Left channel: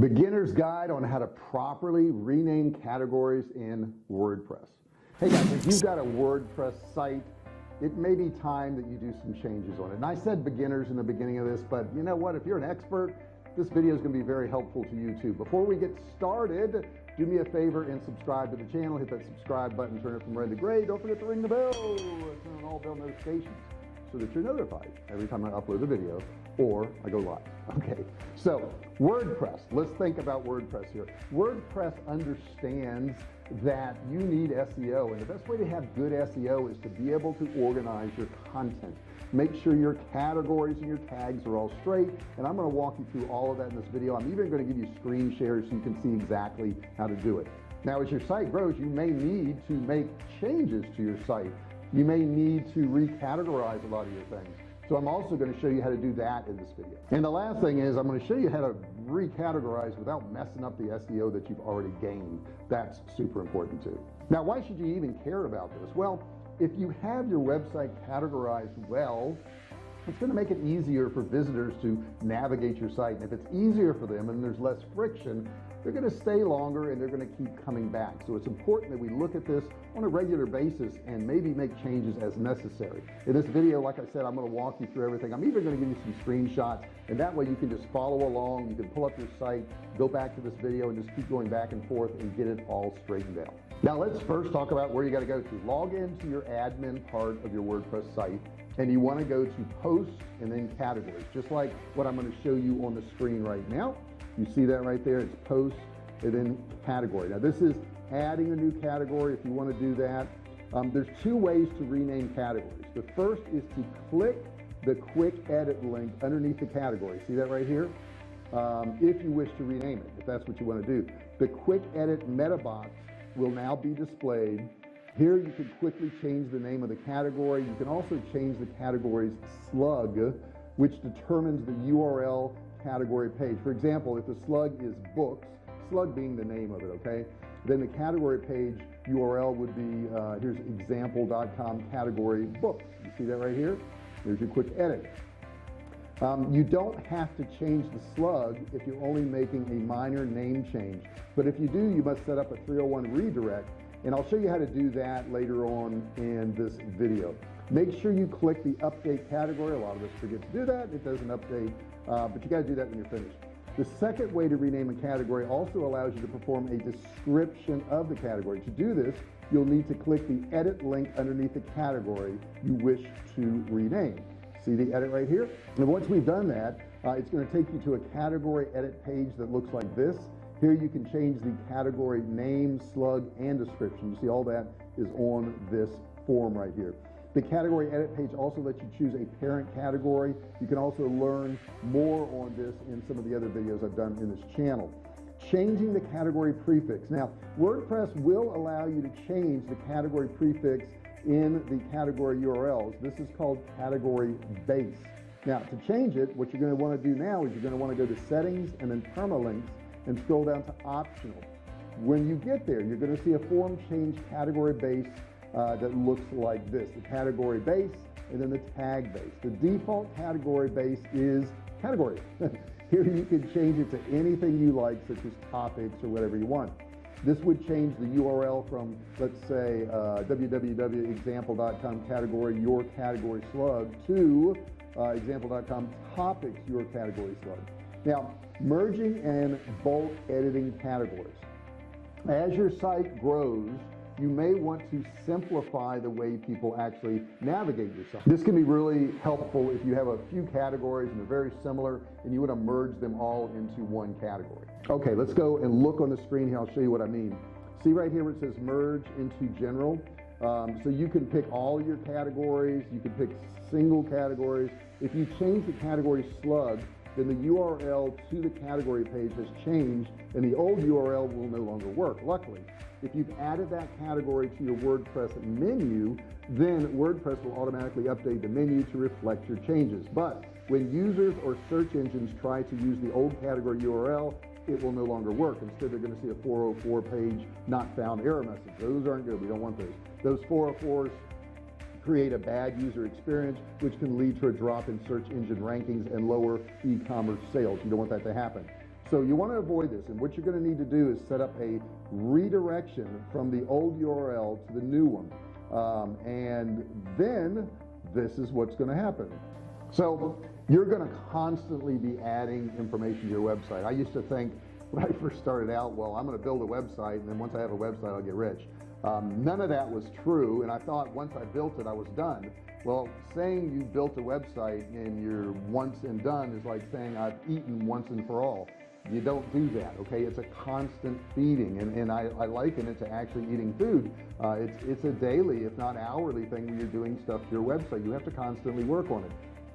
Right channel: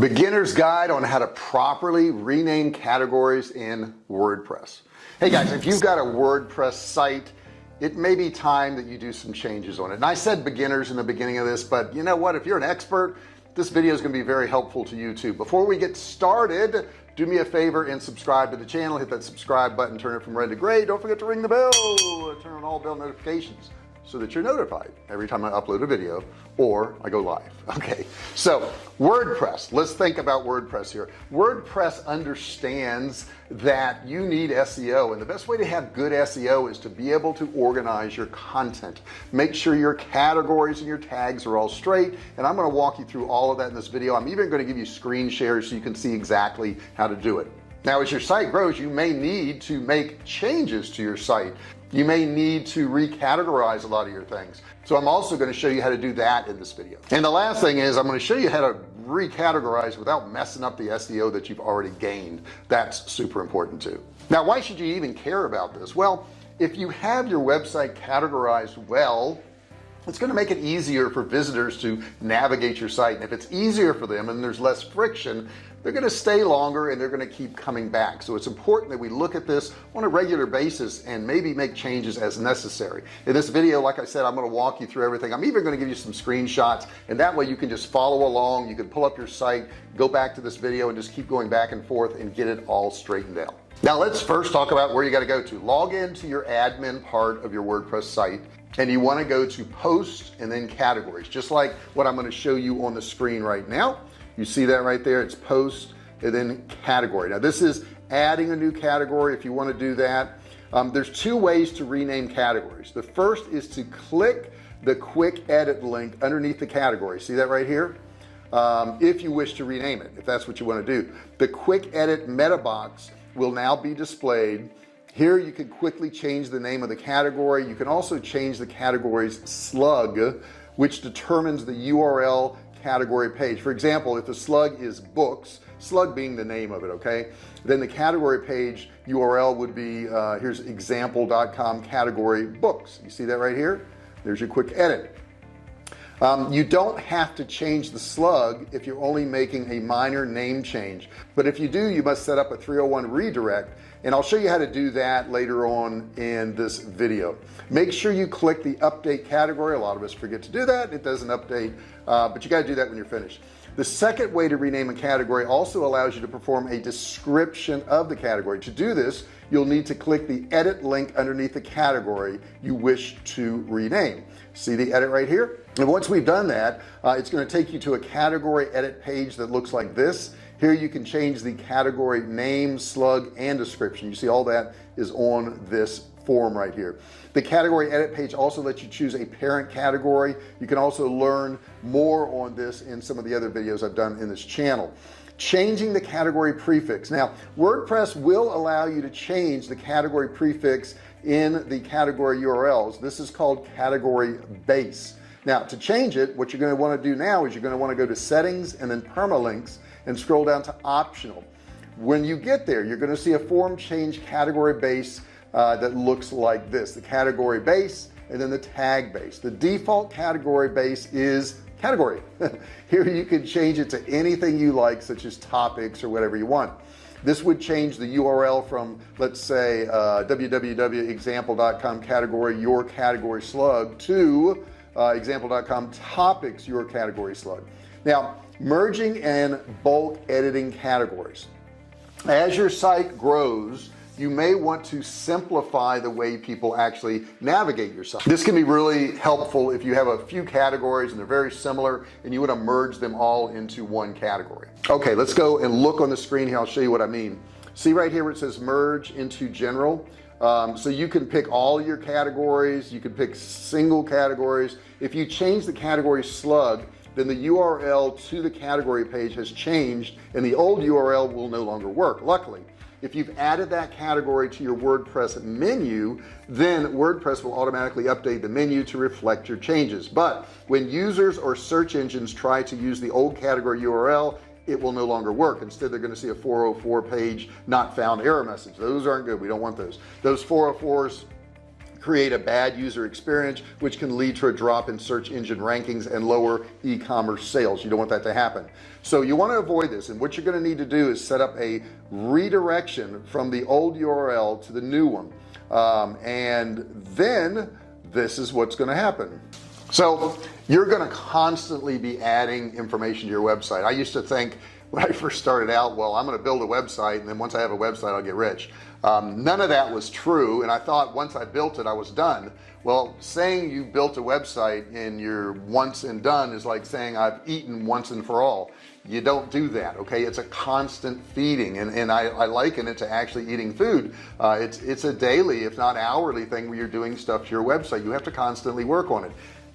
Beginner's guide on how to properly rename categories in WordPress. Hey guys, if you've got a WordPress site, it may be time that you do some changes on it. And I said beginners in the beginning of this, but you know what, if you're an expert, this video is going to be very helpful to you too. Before we get started, do me a favor and subscribe to the channel. Hit that subscribe button, turn it from red to gray. Don't forget to ring the bell, turn on all bell notifications so that you're notified every time I upload a video or I go live. Okay, so WordPress, let's think about WordPress here. WordPress understands that you need SEO, and the best way to have good SEO is to be able to organize your content, make sure your categories and your tags are all straight, and I'm going to walk you through all of that in this video. I'm even going to give you screen shares so you can see exactly how to do it. Now, as your site grows, you may need to make changes to your site. You may need to recategorize a lot of your things. So I'm also going to show you how to do that in this video. And the last thing is I'm going to show you how to recategorize without messing up the SEO that you've already gained. That's super important too. Now, why should you even care about this? Well, if you have your website categorized well, it's going to make it easier for visitors to navigate your site. And if it's easier for them and there's less friction, they're going to stay longer and they're going to keep coming back. So it's important that we look at this on a regular basis and maybe make changes as necessary. In this video, like I said, I'm going to walk you through everything. I'm even going to give you some screenshots, and that way you can just follow along. You can pull up your site, go back to this video, and just keep going back and forth and get it all straightened out. Now let's first talk about where you got to go to. Log into your admin part of your WordPress site, and you want to go to post and then categories, just like what I'm going to show you on the screen right now. You see that right there? It's post and then category. Now this is adding a new category. If you want to do that, there's two ways to rename categories. The first is to click the quick edit link underneath the category. See that right here? If you wish to rename it, if that's what you want to do. The quick edit meta box will now be displayed. Here you can quickly change the name of the category. You can also change the category's slug, which determines the URL category page. For example, if the slug is books, slug being the name of it, okay, then the category page URL would be here's example.com category books. You see that right here? There's your quick edit. You don't have to change the slug if you're only making a minor name change, but if you do, you must set up a 301 redirect, and I'll show you how to do that later on in this video. Make sure you click the update category. A lot of us forget to do that. It doesn't update, but you got to do that when you're finished. The second way to rename a category also allows you to perform a description of the category. To do this, you'll need to click the edit link underneath the category you wish to rename. See the edit right here? And once we've done that, it's going to take you to a category edit page that looks like this. Here you can change the category name, slug, and description. You see all that is on this form right here. The category edit page also lets you choose a parent category. You can also learn more on this in some of the other videos I've done in this channel. Changing the category prefix. Now WordPress will allow you to change the category prefix in the category URLs. This is called category base. Now to change it, what you're going to want to do now is you're going to want to go to settings and then permalinks and scroll down to optional. When you get there, you're going to see a form change category base that looks like this: the category base and then the tag base. The default category base is category. Here you can change it to anything you like, such as topics or whatever you want. This would change the URL from, let's say, www.example.com category your category slug to example.com topics your category slug. Now merging and bulk editing categories. As your site grows, you may want to simplify the way people actually navigate your site. This can be really helpful if you have a few categories and they're very similar and you want to merge them all into one category. Okay, let's go and look on the screen here. I'll show you what I mean. See right here where it says merge into general. So you can pick all your categories, you can pick single categories. If you change the category slug, then the URL to the category page has changed and the old URL will no longer work. Luckily, if you've added that category to your WordPress menu, then WordPress will automatically update the menu to reflect your changes. But when users or search engines try to use the old category URL, it will no longer work. Instead, they're going to see a 404 page not found error message. Those aren't good. We don't want those. Those 404s create a bad user experience, which can lead to a drop in search engine rankings and lower e-commerce sales. You don't want that to happen. So you want to avoid this, and what you're going to need to do is set up a redirection from the old URL to the new one, and then this is what's going to happen. So you're going to constantly be adding information to your website. I used to think when I first started out, well, I'm going to build a website, and then once I have a website, I'll get rich. None of that was true, and I thought once I built it, I was done. Well, saying you built a website and you're once and done is like saying I've eaten once and for all. You don't do that. Okay, it's a constant feeding, and I liken it to actually eating food. It's a daily, if not hourly thing, where you're doing stuff to your website. You have to constantly work on it.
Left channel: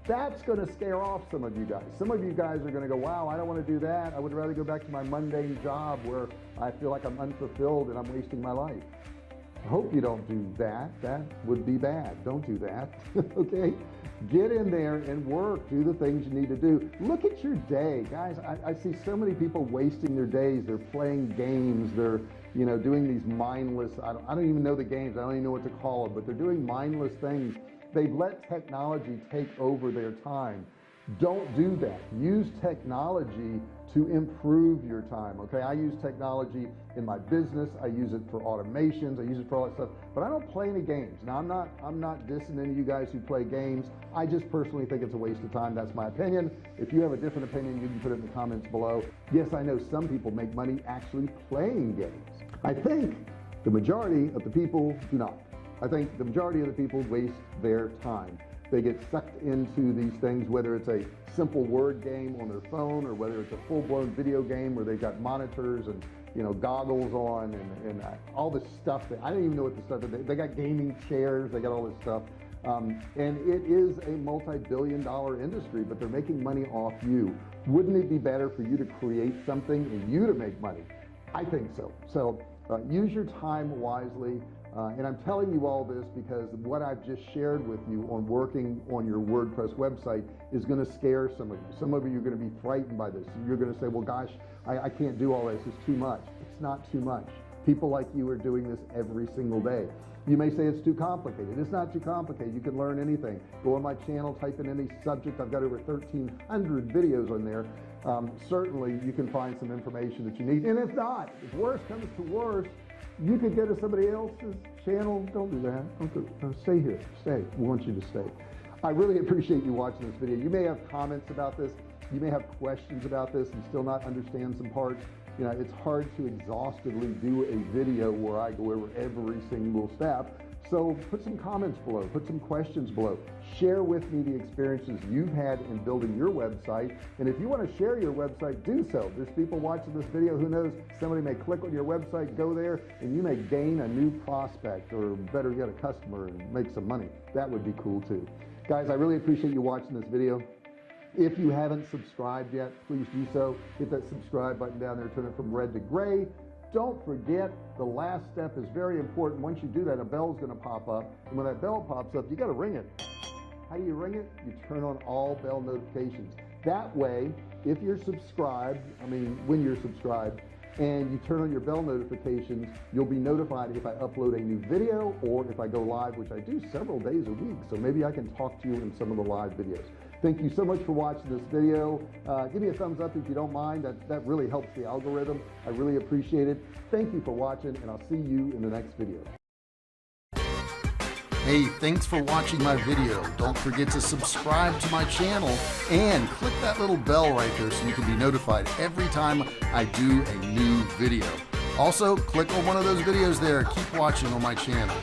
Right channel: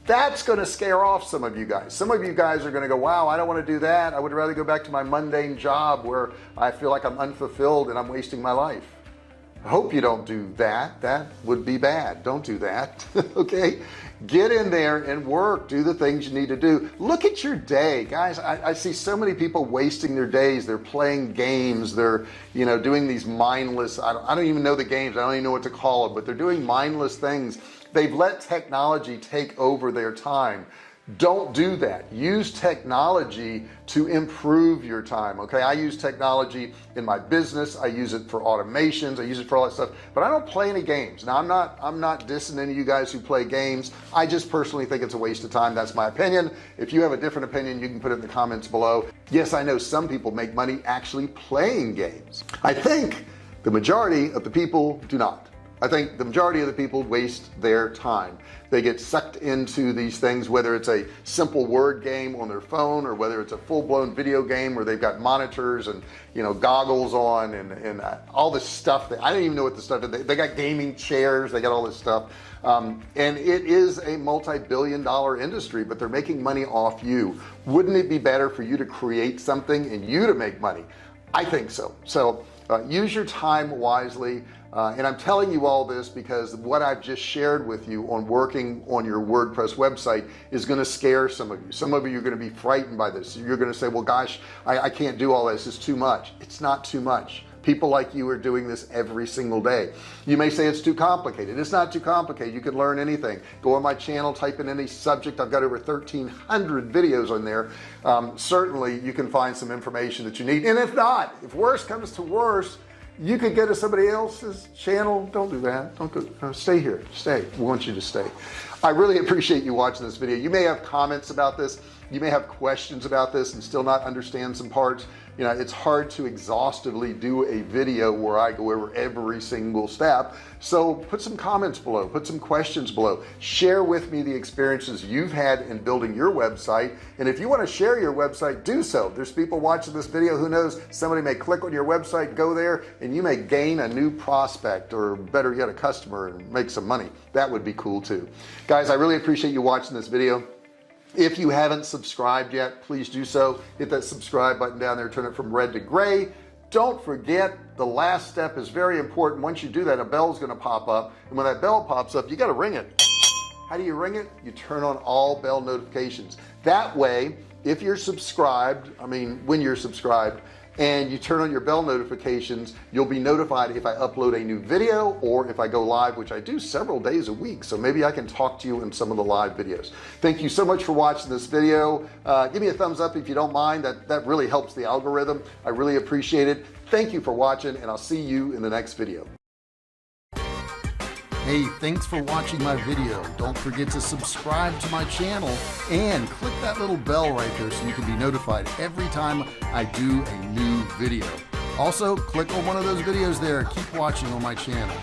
That's going to scare off some of you guys. Some of you guys are going to go, wow, I don't want to do that. I would rather go back to my mundane job where I feel like I'm unfulfilled and I'm wasting my life. I hope you don't do that. That would be bad. Don't do that. Okay, get in there and work, do the things you need to do. Look at your day, guys. I see so many people wasting their days. They're playing games, they're doing these mindless, I don't even know the games, I don't even know what to call it, but they're doing mindless things. They've let technology take over their time. Don't do that. Use technology to improve your time. Okay, I use technology in my business. I use it for automations. I use it for all that stuff, but I don't play any games. Now I'm not dissing any of you guys who play games. I just personally think it's a waste of time. That's my opinion. If you have a different opinion, you can put it in the comments below. Yes, I know some people make money actually playing games. I think the majority of the people do not. I think the majority of the people waste their time. They get sucked into these things, whether it's a simple word game on their phone or whether it's a full-blown video game where they've got monitors and goggles on and all this stuff that I don't even know what the stuff is. They got gaming chairs, they got all this stuff, and it is a multi-billion-dollar industry, but they're making money off you. Wouldn't it be better for you to create something and you to make money? I think so. So use your time wisely. And I'm telling you all this because what I've just shared with you on working on your WordPress website is going to scare some of you. Some of you are going to be frightened by this. You're going to say, well, gosh, I can't do all this. It's too much. It's not too much. People like you are doing this every single day. You may say it's too complicated. It's not too complicated. You can learn anything. Go on my channel, type in any subject. I've got over 1,300 videos on there. Certainly you can find some information that you need. And if not, if worse comes to worse, you could go to somebody else's channel. Don't do that. Don't go. Stay here. Stay. We want you to stay. I really appreciate you watching this video. You may have comments about this. You may have questions about this and still not understand some parts. It's hard to exhaustively do a video where I go over every single step. So put some comments below, put some questions below, share with me the experiences you've had in building your website. And if you want to share your website, do so. There's people watching this video, who knows, somebody may click on your website, go there, and you may gain a new prospect, or better yet, a customer, and make some money. That would be cool too. Guys, I really appreciate you watching this video. If you haven't subscribed yet, please do so. Hit that subscribe button down there, turn it from red to gray. Don't forget, the last step is very important. Once you do that, a bell is going to pop up, and when that bell pops up, you got to ring it. How do you ring it? You turn on all bell notifications. That way, if you're subscribed, when you're subscribed and you turn on your bell notifications, you'll be notified if I upload a new video or if I go live, which I do several days a week. So maybe I can talk to you in some of the live videos. Thank you so much for watching this video. Give me a thumbs up if you don't mind. That really helps the algorithm. I really appreciate it. Thank you for watching, and I'll see you in the next video. Hey, thanks for watching my video. Don't forget to subscribe to my channel and click that little bell right there so you can be notified every time I do a new video. Also, click on one of those videos there. Keep watching on my channel.